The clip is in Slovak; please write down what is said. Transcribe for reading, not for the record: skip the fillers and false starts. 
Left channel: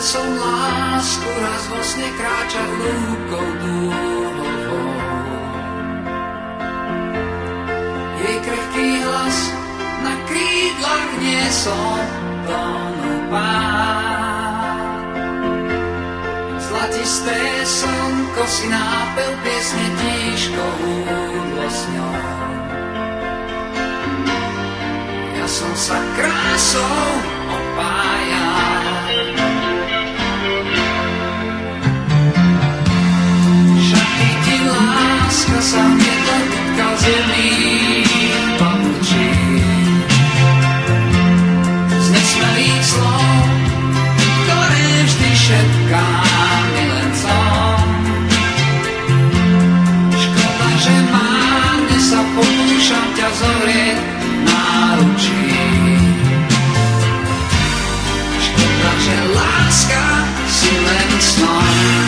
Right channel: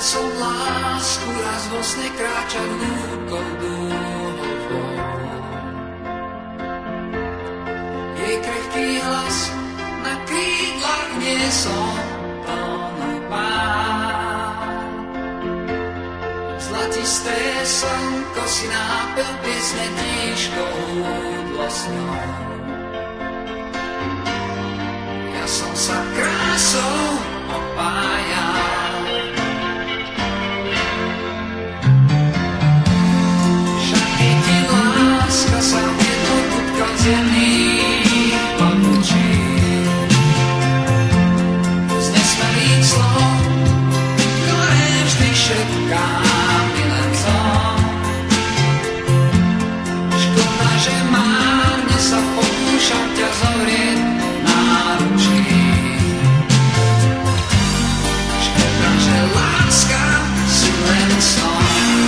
Videl som lásku raz vo sne kráčať lúkou dúhovou. Jej krehký hlas na krídlach niesol tónov pád. Zlatisté slnko si nápel piesne tížkou húdlo s ňou. Ja som sa krásou opájal. Šaty ti láska sa mieto kutkal z jemných papučí. Z nesmelých slov, ktoré vždy šepkám milencom. Škoda, že márne sa pokúšam ťa zovrieť náručí. Škoda, že láska si len snom.